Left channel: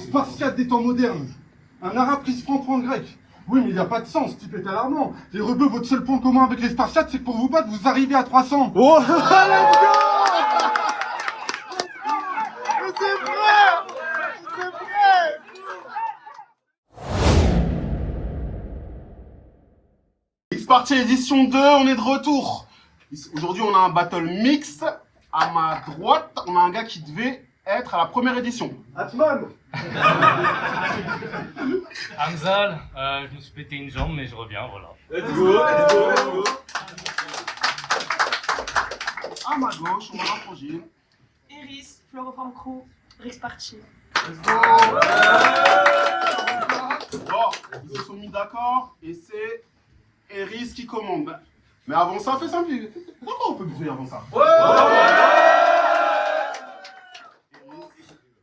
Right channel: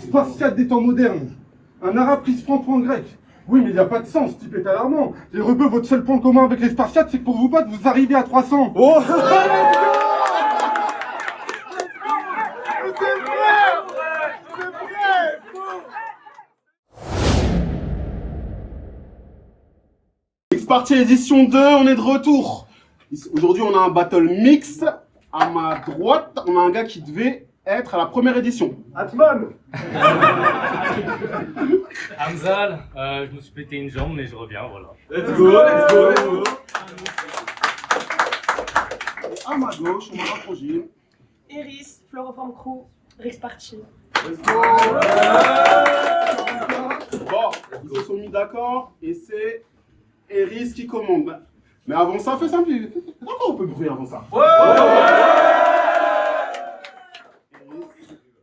Spartiate des temps modernes. Un arabe qui se prend pour un grec. Oui, mais il n'y a pas de sens, ce type est alarmant. Les rebeux, votre seul point commun avec les Spartiates, c'est que pour vous battre, vous arrivez à 300. Oh X-Party édition 2, on est de retour. Aujourd'hui, on a un battle mix. À ma droite, on a un gars qui devait être à la première édition. Atman. Hamzal, je me suis pété une jambe, mais je reviens, voilà. Let's go, let's go, let's go. À ma gauche, on a un projet. Iris, Floroform Crew, Rix Party. Bon, ils se sont mis d'accord et c'est Eris qui commande. Mais avant ça, fais simple. Pourquoi on peut bruit avant ça?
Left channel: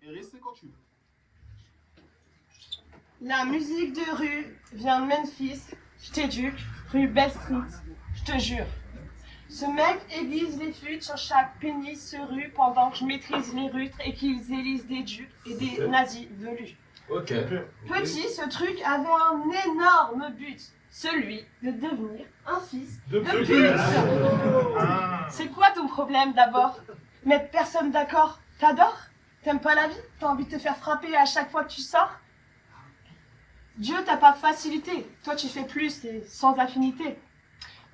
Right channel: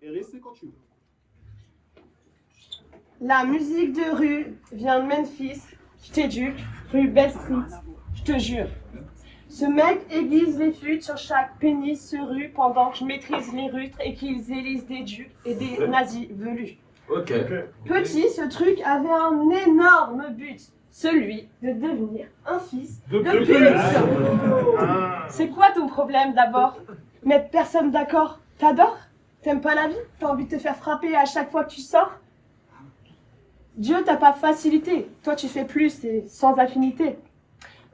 Eris, c'est quand tu veux. La musique de rue vient de Memphis, je t'éduque, rue Bell Street, je te jure. Ce mec aiguise les flûtes sur chaque pénis se rue pendant que je maîtrise les rutres et qu'ils élisent des ducs et des nazis velus. Ok. Petit, ce truc avait un énorme but, celui de devenir un fils de pute. C'est quoi ton problème d'abord? Mettre personne d'accord, t'adores? T'aimes pas la vie? T'as envie de te faire frapper à chaque fois que tu sors? Dieu t'a pas facilité, toi tu fais plus et sans affinité.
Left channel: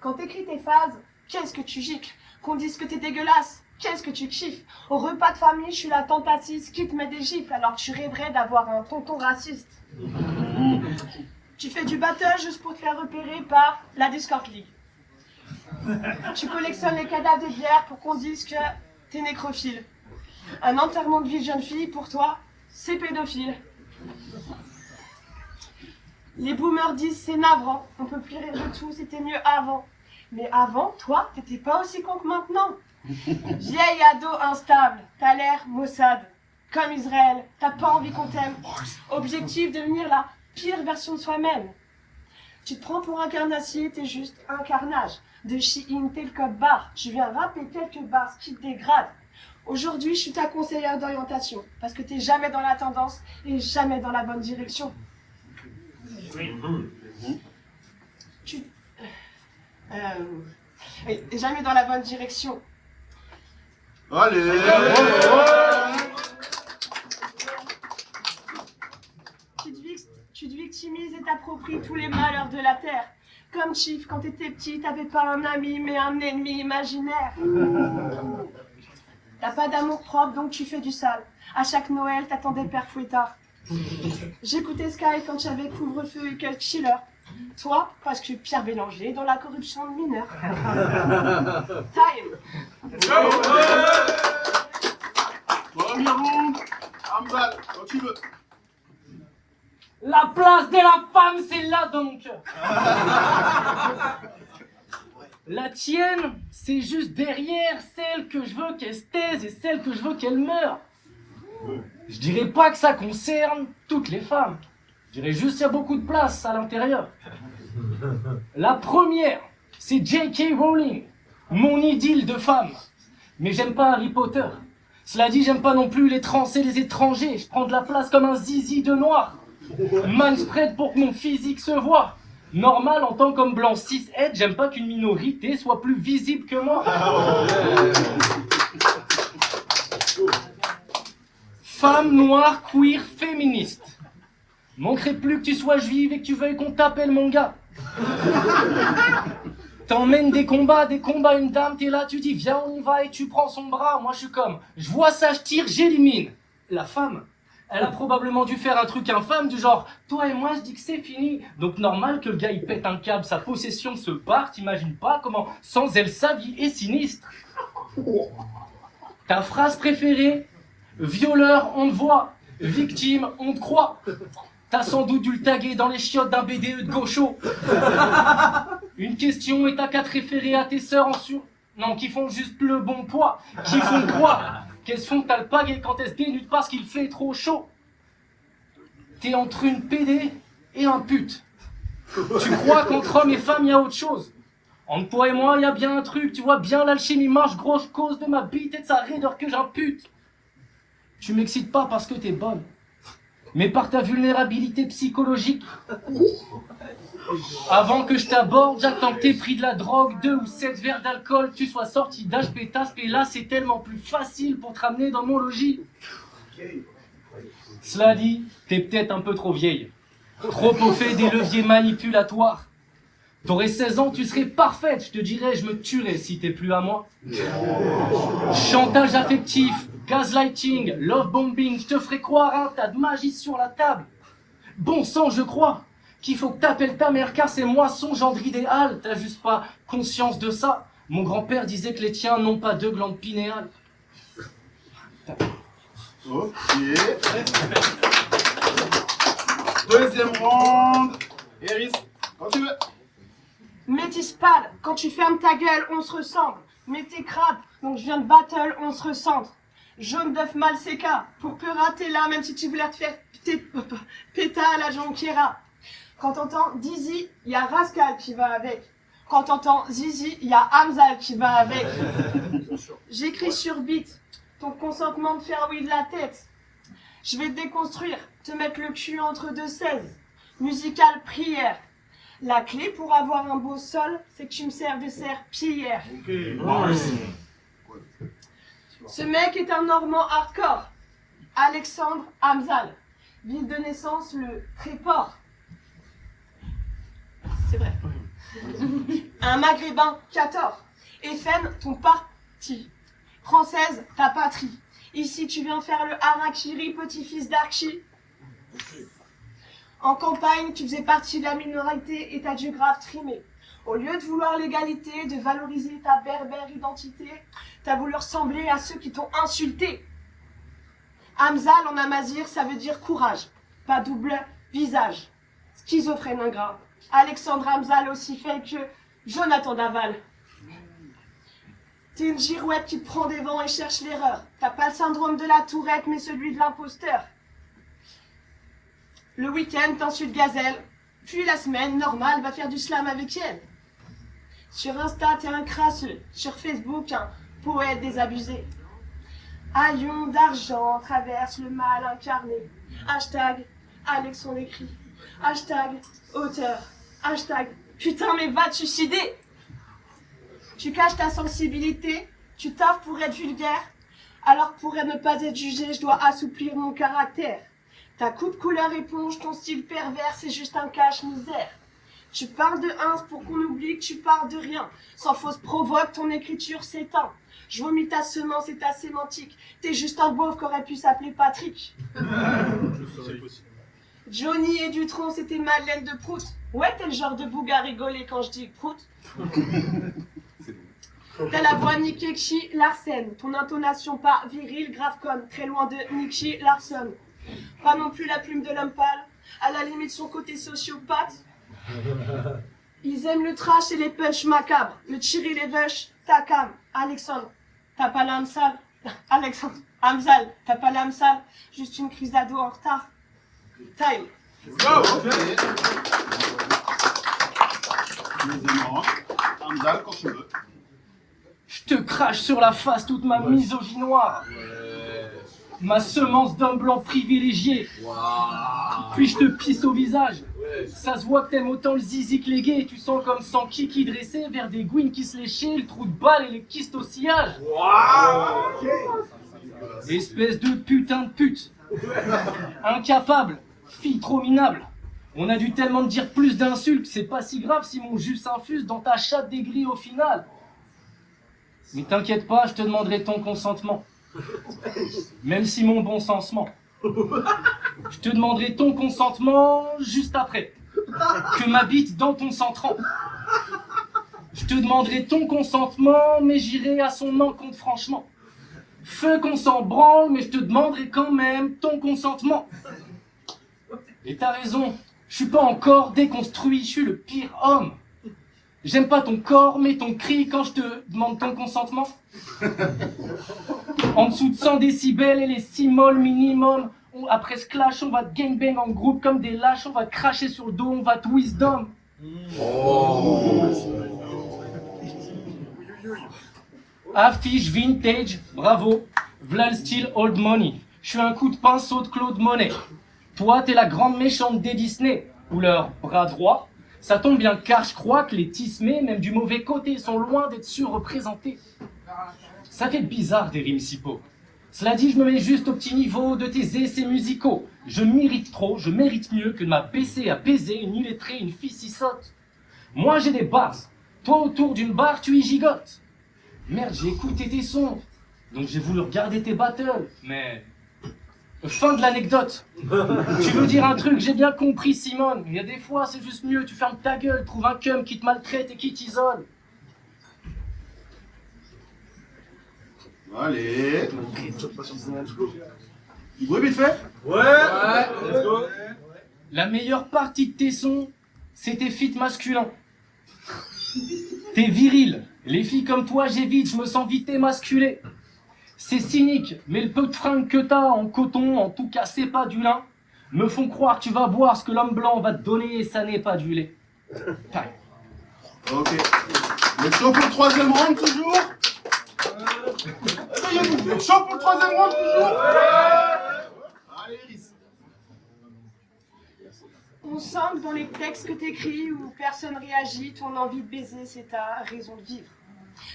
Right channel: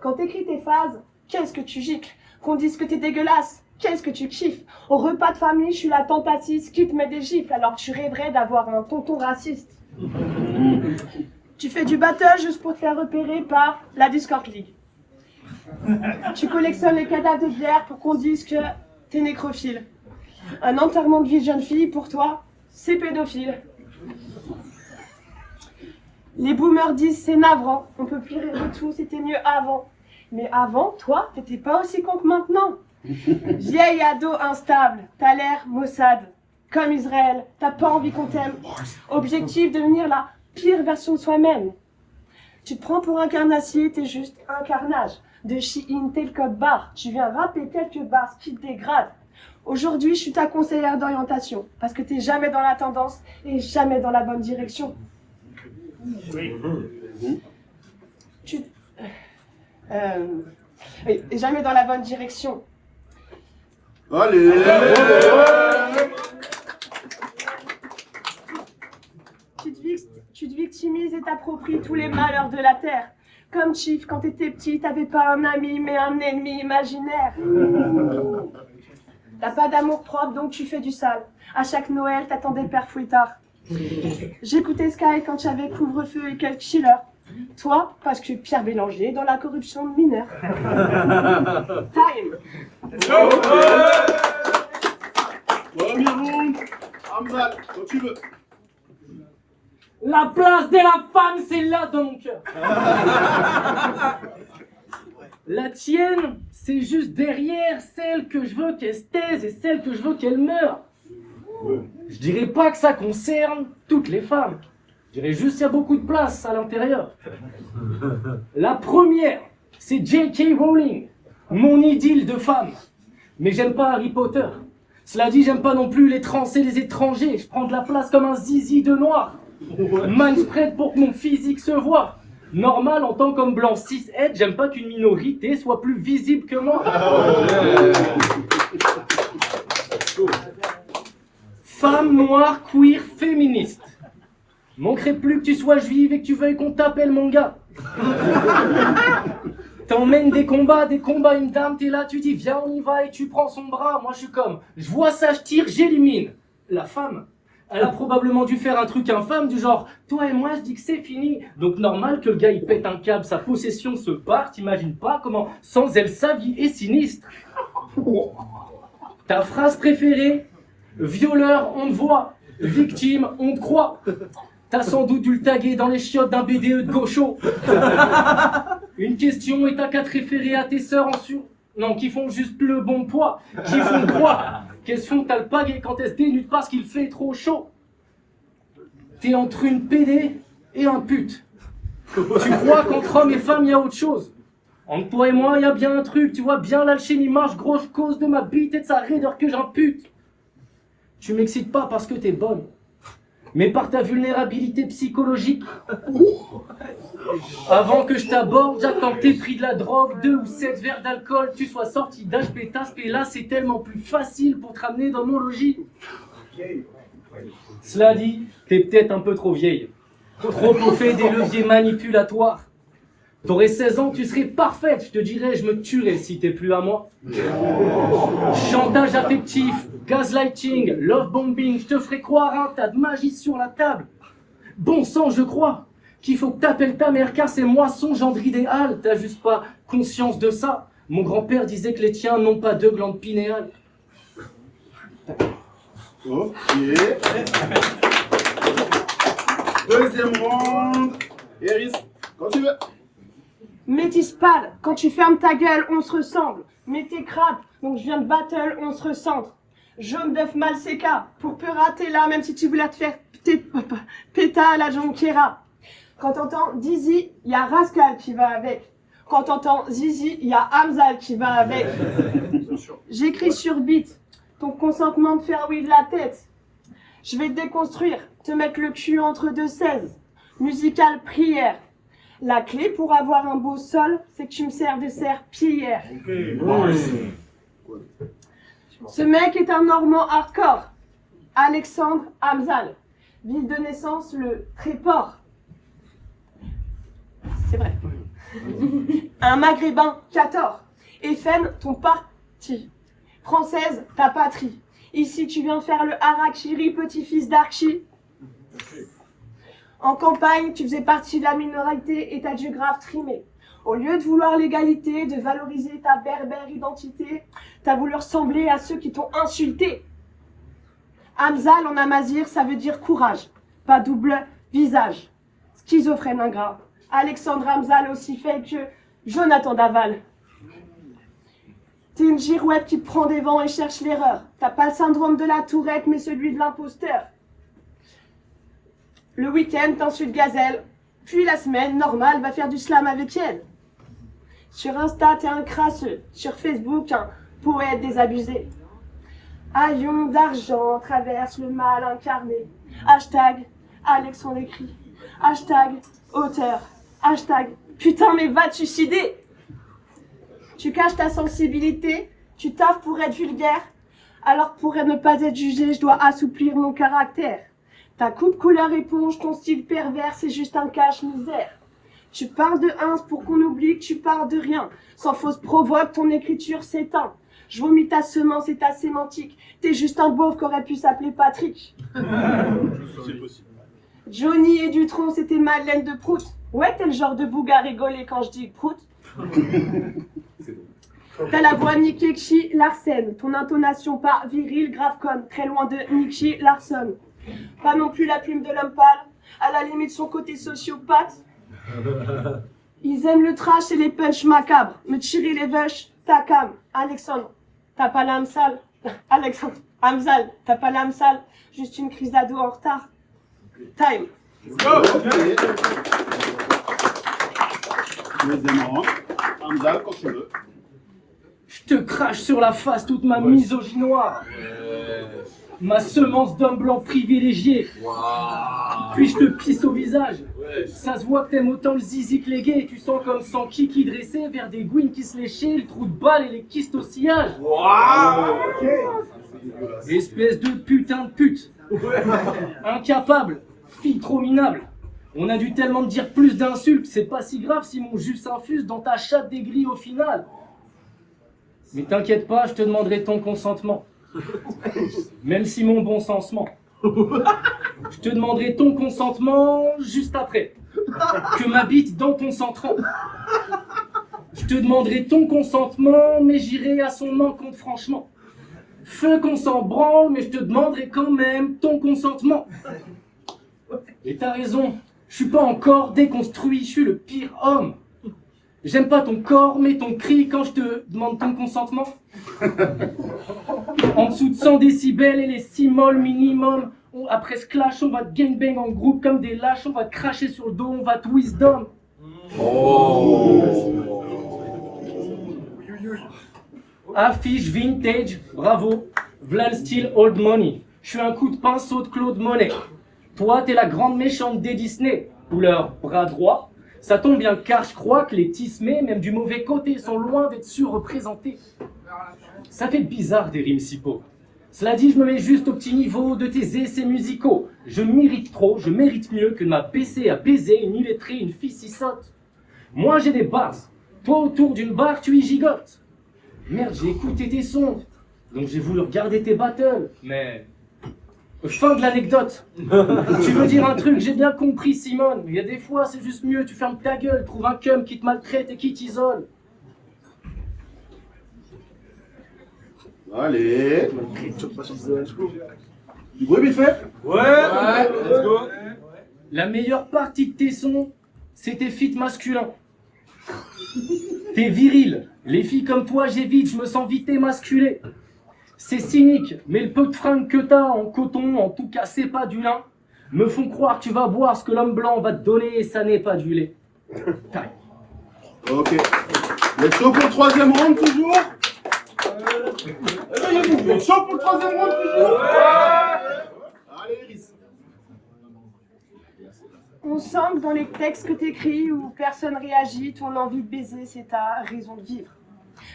Quand t'écris tes phases, qu'est-ce que tu gicles? Qu'on dise que t'es dégueulasse, qu'est-ce que tu kiffes? Au repas de famille, je suis la tante assise qui te met des gifles alors que tu rêverais d'avoir un tonton raciste. Tu fais du battle juste pour te faire repérer par la Discord League. Tu collectionnes les cadavres de bière pour qu'on dise que t'es nécrophile. Un enterrement de vie de jeune fille, pour toi, c'est pédophile. Les boomers disent c'est navrant, on peut plus rire de tout, c'était mieux avant. Mais avant, toi, t'étais pas aussi con que maintenant. Vieille ado instable, t'as l'air maussade. Comme Israël, t'as pas envie qu'on t'aime. Objectif, devenir la pire version de soi-même. Tu te prends pour un carnassier, t'es juste un carnage. De Shein, t'es le code barre. Tu viens rapper quelques barres qui te dégradent. Aujourd'hui, je suis ta conseillère d'orientation. Parce que t'es jamais dans la tendance et jamais dans la bonne direction. Tu... Oui, et jamais dans la bonne direction. Allez. Tu te victimises et t'appropries tous les malheurs de la terre. Comme Chief, quand t'étais petit, t'avais pas un ami, mais un ennemi imaginaire. T'as pas d'amour propre, donc tu fais du sale. À chaque Noël, t'attendais Père Fouettard. J'écoutais Sky quand j'avais couvre-feu et quelques chillers. Toi, parce que Pierre Bélanger dans la corruption de mineurs. Time. Premier round. Hamza, quand tu veux. La place de la femme, c'est là donc. La tienne, c'est juste derrière celle que je veux qu'elle se taise et celle que je veux qu'elle meure. Je dirais pas que ça concerne toutes les femmes. Je dirais juste qu'il y a beaucoup de place à l'intérieur. La première, c'est J.K. Rowling, mon idylle de femme. Mais j'aime pas Harry Potter. Cela dit, j'aime pas non plus les trans et les étrangers. Je prends de la place comme un zizi de noir. Man spread pour que mon physique se voie. Normal en tant qu'homme blanc cis-het, j'aime pas qu'une minorité soit plus visible que moi. Femme noire, queer, féministe. Manquerait plus que tu sois juive et que tu veuilles qu'on t'appelle mon gars. T'emmènes des combats, une dame, t'es là, tu dis viens on y va et tu prends son bras. Moi je suis comme, je vois ça, je tire, j'élimine. La femme, elle a probablement dû faire un truc infâme du genre toi et moi je dis que c'est fini. Donc normal que le gars il pète un câble, sa possession se part, t'imagines pas comment sans elle sa vie est sinistre. Ta phrase préférée, violeur on te voit, victime on te croit. T'as sans doute dû le taguer dans les chiottes d'un BDE de gaucho. Une question et t'as qu'à te référer à tes sœurs en sur... Non, qui font juste le bon poids. Qui font quoi? Qu'elles font t'alpaguer quand elles se dénudent parce qu'il fait trop chaud. T'es entre une PD et un pute. Tu crois qu'entre hommes et femmes, il y a autre chose. Entre toi et moi, il y a bien un truc. Tu vois bien l'alchimie marche grosse cause de ma bite et de sa raideur que j'impute. Tu m'excites pas parce que t'es bonne. mais par ta vulnérabilité psychologique. Avant que je t'aborde, j'attends que t'aies pris de la drogue, 2 ou 7 verres d'alcool, tu sois sorti d'HP Tasp, et là c'est tellement plus facile pour te ramener dans mon logis. Cela dit, t'es peut-être un peu trop vieille, trop au fait des leviers manipulatoires. T'aurais 16 ans, tu serais parfaite, je te dirais, je me tuerais si t'es plus à moi. Chantage affectif, gaslighting, love bombing, je te ferai croire un tas de magie sur la table. Bon sang, je crois qu'il faut que t'appelles ta mère car c'est moi son gendre idéal. T'as juste pas conscience de ça. Mon grand-père disait que les tiens n'ont pas 2 glandes pinéales. Ok. Deuxième round. Eris, quand tu veux. Métis pâle, quand tu fermes ta gueule, on se ressemble. Mais t'es crade, donc je viens de battle, on se recentre. Jaune d'œuf mal séca, pour peu rater là, même si tu voulais te faire péta à la jonquiera. Quand t'entends Dizzy, y a Rascal qui va avec. Quand t'entends Zizi, y a Hamzal qui va avec. J'écris sur beat, ton consentement de faire oui de la tête. Je vais te déconstruire, te mettre le cul entre 2 16. Musical prière. La clé pour avoir un beau sol, c'est que tu me sers de serpillière. Ce mec est un Normand hardcore. Alexandre Hamzal. Ville de naissance, le Tréport. C'est vrai. Un Maghrébin, 14. FN, ton parti. Française, ta patrie. Ici, tu viens faire le harakiri, petit-fils d'Archie. En campagne, tu faisais partie de la minorité et t'as dû grave trimer. Au lieu de vouloir l'égalité, de valoriser ta berbère identité, t'as voulu ressembler à ceux qui t'ont insulté. Hamzal en amazir, ça veut dire courage, pas double visage. Schizophrène ingrat. Alexandre Hamzal aussi fait que Jonathan Daval. T'es une girouette qui prend des vents et cherche l'erreur. T'as pas le syndrome de la tourette, mais celui de l'imposteur. Le week-end, t'insultes Gazelle. Puis la semaine, normal, va faire du slam avec elle. Sur Insta, t'es un crasseux. Sur Facebook, un poète désabusé. Haillons d'argent traverse le mal incarné. Hashtag Alexandre écrit. Hashtag auteur. Hashtag putain mais va te suicider. Tu caches ta sensibilité. Tu taffes pour être vulgaire. Alors pour ne pas être jugé, je dois assouplir mon caractère. Ta coupe couleur éponge, ton style pervers, c'est juste un cache-misère. Tu parles de ins pour qu'on oublie que tu parles de rien. Sans fausse provoque, ton écriture s'éteint. Je vomis ta semence et ta sémantique. T'es juste un beauf qu'aurait pu s'appeler Patrick. Johnny et Dutronc, c'était Madeleine de Prout. Ouais, t'es le genre de bouga à rigoler quand je dis Prout. T'as la voix Nikki Larsen. Ton intonation pas virile, grave conne. Très loin de Nikki Larson. Pas non plus la plume de l'homme pâle, à la limite son côté sociopathe. Ils aiment le trash et les punchs macabres. Me tirer les vaches, ta cam. Alexandre, t'as pas l'âme sale. Alexandre, Hamzal, t'as pas l'âme sale. Juste une crise d'ado en retard. Time. Deuxième round. Hamzal, quand tu veux. Je te crache sur la face toute ma misogynie noire. Ma semence d'homme blanc privilégié. Puis je te pisse au visage. Ça se voit que t'aimes autant le zizi que les gays. Tu sens comme sans kiki dressé vers des gouines qui se léchaient, le trou de balle et les kystes au sillage. Espèce de putain de pute. Incapable, fille trop minable. On a dû tellement te dire plus d'insultes, c'est pas si grave si mon jus s'infuse dans ta chatte dégris au final. Mais t'inquiète pas, je te demanderai ton consentement. Même si mon bon sens ment. Je te demanderai ton consentement juste après. Que ma bite dans ton centran. Je te demanderai ton consentement, mais j'irai à son encontre franchement. Feu qu'on s'en branle, mais je te demanderai quand même ton consentement. Et t'as raison, je suis pas encore déconstruit, je suis le pire homme. J'aime pas ton corps, mais ton cri quand je te demande ton consentement. En dessous de 100 décibels et les 6 molles minimum. Après ce clash, on va te gangbang en groupe comme des lâches, on va te cracher sur le dos, on va te wisdom. Affiche vintage, bravo. V'là le style old money. Je suis un coup de pinceau de Claude Monet. Toi, t'es la grande méchante des Disney, ou leur bras droit. Ça tombe bien car je crois que les tismés, même du mauvais côté, sont loin d'être surreprésentés. Ça fait bizarre des rimes si pauvres. Cela dit, je me mets juste au petit niveau de tes essais musicaux. Je mérite trop, je mérite mieux que de m'abaisser à baiser une illettrée, une fille si sotte. Moi j'ai des bars, toi autour d'une barre tu y gigotes. Merde, j'ai écouté tes sons, donc j'ai voulu regarder tes battles, mais... Fin de l'anecdote. Tu veux dire un truc, j'ai bien compris Simone. Il y a des fois c'est juste mieux, tu fermes ta gueule, trouve un cum qui te maltraite et qui t'isole. Allez. Du bruit vite fait. Ouais, let's go. La meilleure partie de tes sons, c'est tes feats masculins. T'es viril. Les filles comme toi, j'évite, je me sens vite émasculé. C'est cynique, mais le peu de fringues que t'as en coton, en tout cas c'est pas du lin, me font croire que tu vas boire ce que l'homme blanc va te donner et ça n'est pas du lait. Time. Ok. Vous êtes chaud pour le troisième round toujours? Réveillez-vous, vous êtes chaud pour le troisième round toujours? Allez Iris. On sent que dans les textes que t'écris où personne réagit, ton envie de baiser, c'est ta raison de vivre.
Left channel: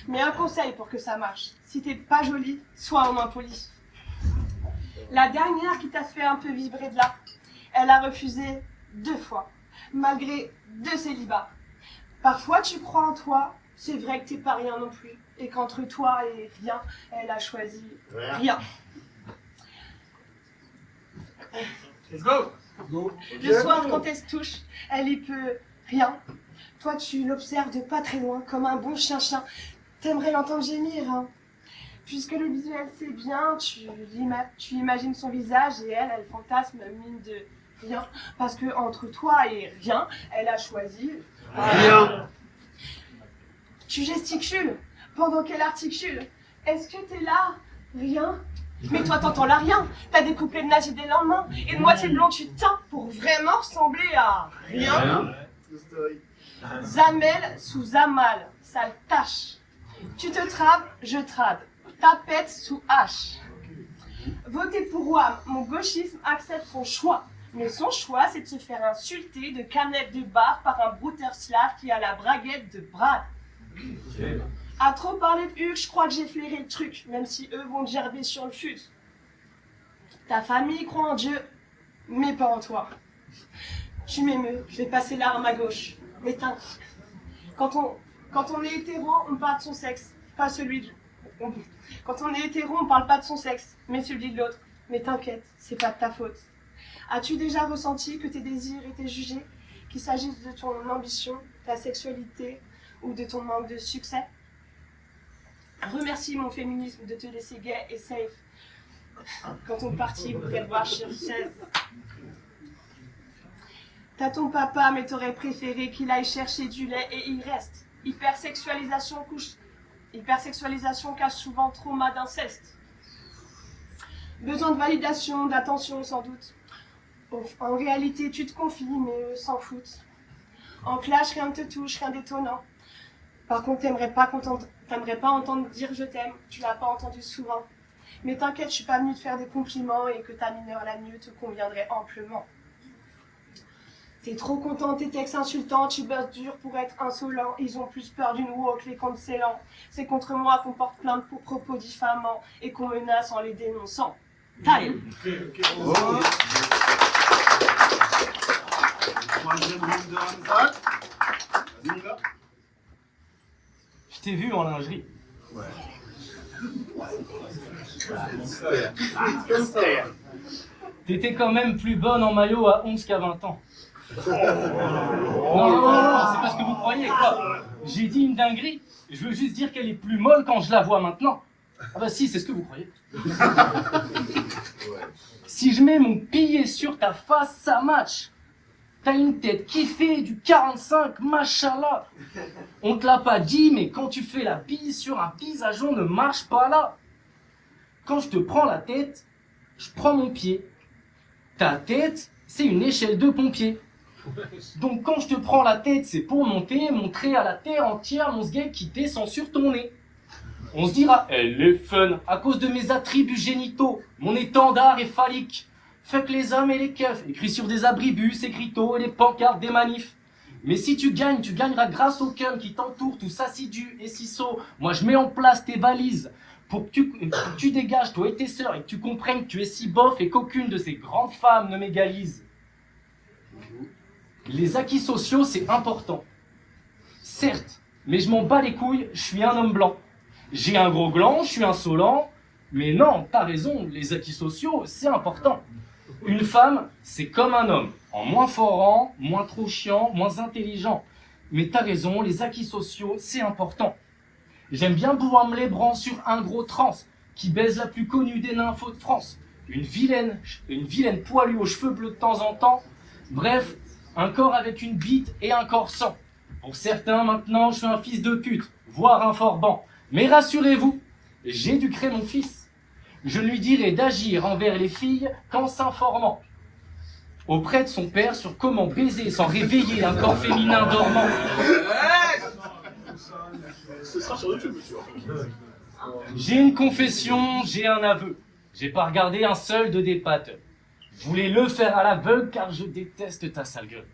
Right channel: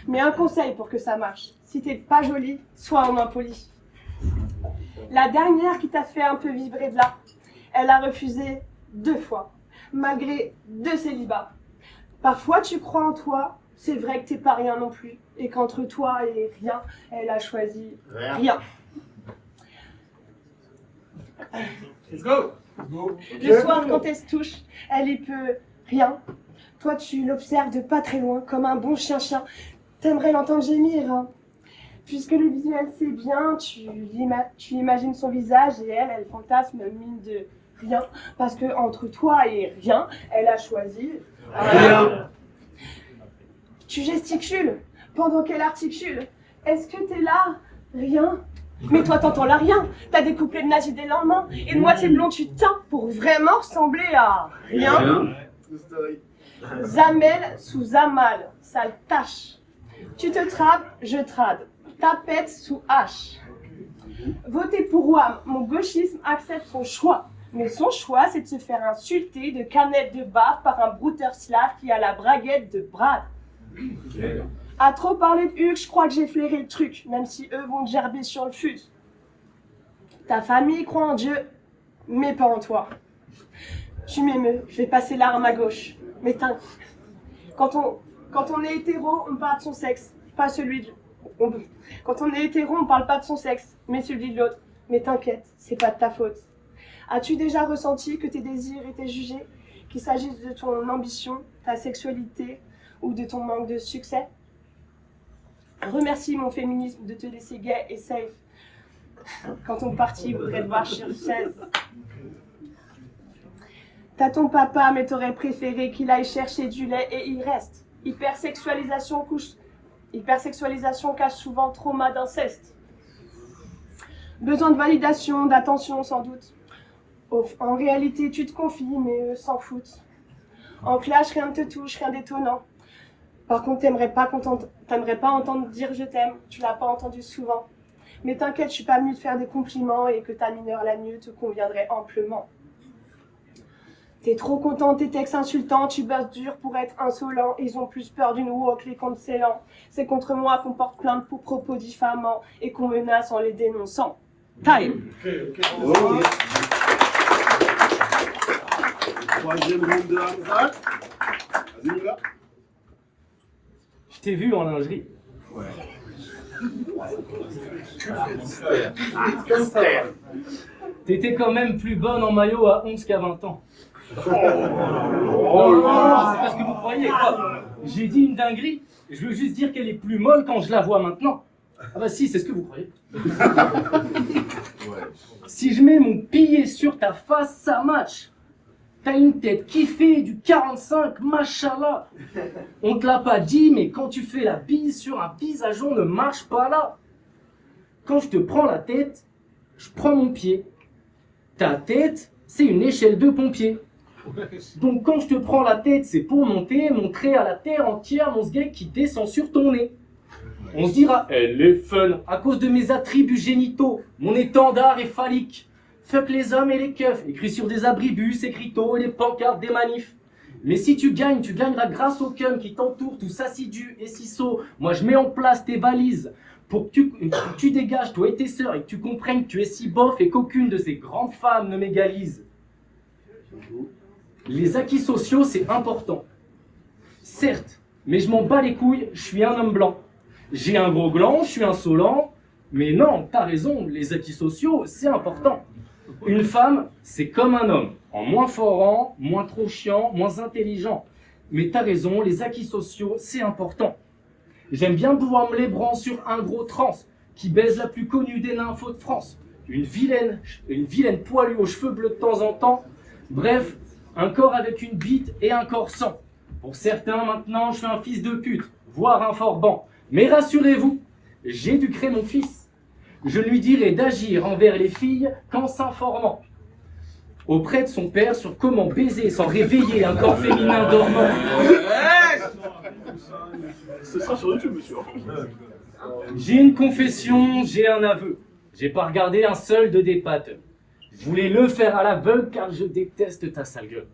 Mais un conseil pour que ça marche, si t'es pas jolie, sois au moins poli. La dernière qui t'a fait un peu vibrer de là, elle a refusé 2 fois, malgré 2 célibats. Parfois tu crois en toi, c'est vrai que t'es pas rien non plus, et qu'entre toi et rien, elle a choisi rien. Let's go. Le soir, quand elle se touche, elle y peut rien. Toi, tu l'observes de pas très loin, comme un bon chien-chien. T'aimerais l'entendre gémir, hein. Puisque le visuel, c'est bien, tu imagines son visage et elle fantasme mine de rien. Parce que entre toi et rien, elle a choisi Rien. Tu gesticules pendant qu'elle articule. Est-ce que t'es là? Rien. Mais toi, t'entends là rien. T'as des couplets de nazi dès le lendemain. Et de moitié blond, tu teins pour vraiment ressembler à rien. Zamel sous Zamal, sale tâche. Tu te trades, je trade. Tapette sous H. Votez pour Wam, mon gauchisme accepte son choix. Mais son choix, c'est de se faire insulter de canettes de bave par un brouteur slave qui a la braguette de Brad. À trop parler de Hugues, je crois que j'ai flairé le truc, même si eux vont te gerber sur le fut. Ta famille croit en Dieu, mais pas en toi. Tu m'émeus, je vais passer l'arme à gauche. Mais t'inquiète, quand on est hétéro, on parle de son sexe, pas celui de... Quand on est hétéro, on parle pas de son sexe, mais celui de l'autre. Mais t'inquiète, c'est pas de ta faute. As-tu déjà ressenti que tes désirs étaient jugés, qu'il s'agisse de ton ambition, ta sexualité ou de ton manque de succès? Remercie mon féminisme de te laisser gay et safe quand ton parti voudrait te voir sur chaise. T'as ton papa, mais t'aurais préféré qu'il aille chercher du lait et il reste. Hypersexualisation cache souvent trauma d'inceste. Besoin de validation, d'attention sans doute. En réalité, tu te confies, mais eux s'en foutent. En clash, rien ne te touche, rien d'étonnant. Par contre, t'aimerais pas entendre dire je t'aime, tu l'as pas entendu souvent. Mais t'inquiète, je suis pas venue te faire des compliments et que ta mineure la mieux te conviendrait amplement. T'es trop content, tes textes insultants, tu bosses dur pour être insolent. Ils ont plus peur d'une woke, les cancellants. C'est contre moi qu'on porte plainte pour propos diffamants et qu'on menace en les dénonçant. Time. Troisième round de Hamza. Vas-y mon gars. Je t'ai vu en lingerie. T'étais quand même plus bonne en maillot à 11 qu'à 20 ans. Oh, c'est pas ce que vous croyez. J'ai dit une dinguerie. Je veux juste dire qu'elle est plus molle quand je la vois maintenant. Ah bah si, c'est ce que vous croyez. Si je mets mon billet sur ta face, ça match. T'as une tête qui fait du 45, machallah. On te l'a pas dit, mais quand tu fais la bise sur un visage, on ne marche pas là. Quand je te prends la tête, je prends mon pied. Ta tête, c'est une échelle de pompier. Donc quand je te prends la tête, c'est pour monter, montrer à la terre entière mon sgeg qui descend sur ton nez. On se dira, elle est fun, à cause de mes attributs génitaux, mon étendard est phallique. Fuck les hommes et les keufs, écrit sur des abribus, écriteaux et des pancartes des manifs. Mais si tu gagnes, tu gagneras grâce au cum qui t'entoure, tous assidus et ciseaux. Moi je mets en place tes valises pour que tu dégages toi et tes sœurs et que tu comprennes que tu es si bof et qu'aucune de ces grandes femmes ne m'égalise. Les acquis sociaux, c'est important. Certes, mais je m'en bats les couilles, je suis un homme blanc. J'ai un gros gland, je suis insolent, mais non, t'as raison, les acquis sociaux, c'est important. Une femme, c'est comme un homme, en moins forant, moins trop chiant, moins intelligent. Mais t'as raison, les acquis sociaux, c'est important. J'aime bien pouvoir me lébran sur un gros trans, qui baise la plus connue des nymphos de France. Une vilaine poilue aux cheveux bleus de temps en temps. Bref, un corps avec une bite et un corps sans. Pour certains, maintenant, je suis un fils de pute, voire un forban. Mais rassurez-vous, j'éduquerai mon fils. Je lui dirai d'agir envers les filles qu'en s'informant auprès de son père sur comment baiser sans réveiller un corps féminin dormant. Ce sera sur YouTube, monsieur. J'ai une confession, j'ai un aveu. J'ai pas regardé un seul de des pattes. Je voulais le faire à l'aveugle car je déteste ta sale gueule.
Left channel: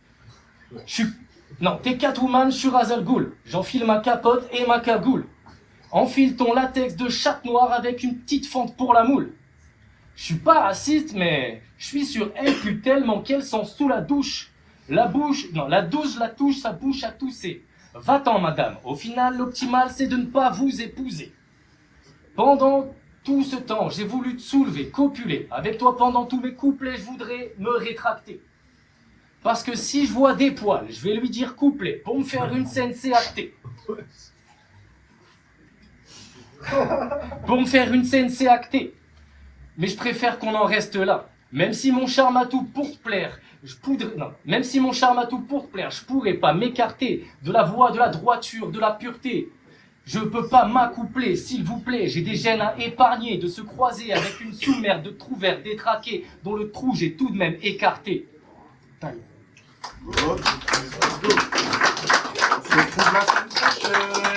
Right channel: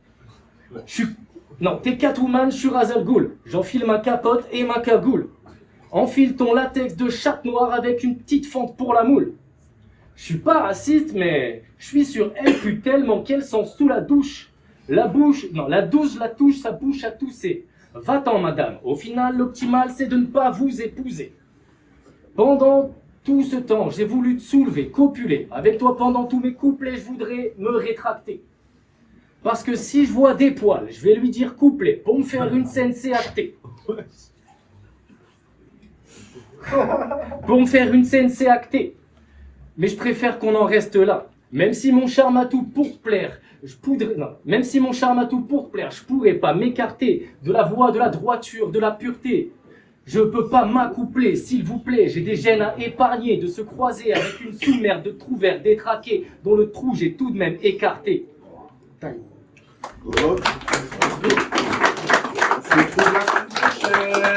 Non, t'es Catwoman, je suis Ra's al Ghul. J'enfile ma capote et ma cagoule. Enfile ton latex de chatte noire avec une petite fente pour la moule. Je suis pas raciste, mais je suis sur elle pue tellement qu'elle sent sous la douche. La douche, la touche, sa bouche à tousser. Va-t'en, madame. Au final, l'optimal, c'est de ne pas vous épouser. Pendant tout ce temps, j'ai voulu te soulever, copuler. Avec toi, pendant tous mes couplets, je voudrais me rétracter. Parce que si je vois des poils, je vais lui dire couplet. Pour me faire une scène, c'est acté. Pour me faire une scène, c'est acté. Mais je préfère qu'on en reste là. Même si mon charme a tout pour te plaire, je pourrais pas m'écarter de la voie de la droiture, de la pureté. Je peux pas m'accoupler, s'il vous plaît. J'ai des gènes à épargner, de se croiser avec une sous-mer de trous verts détraqués, dont le trou j'ai tout de même écarté. On se retrouve la semaine prochaine.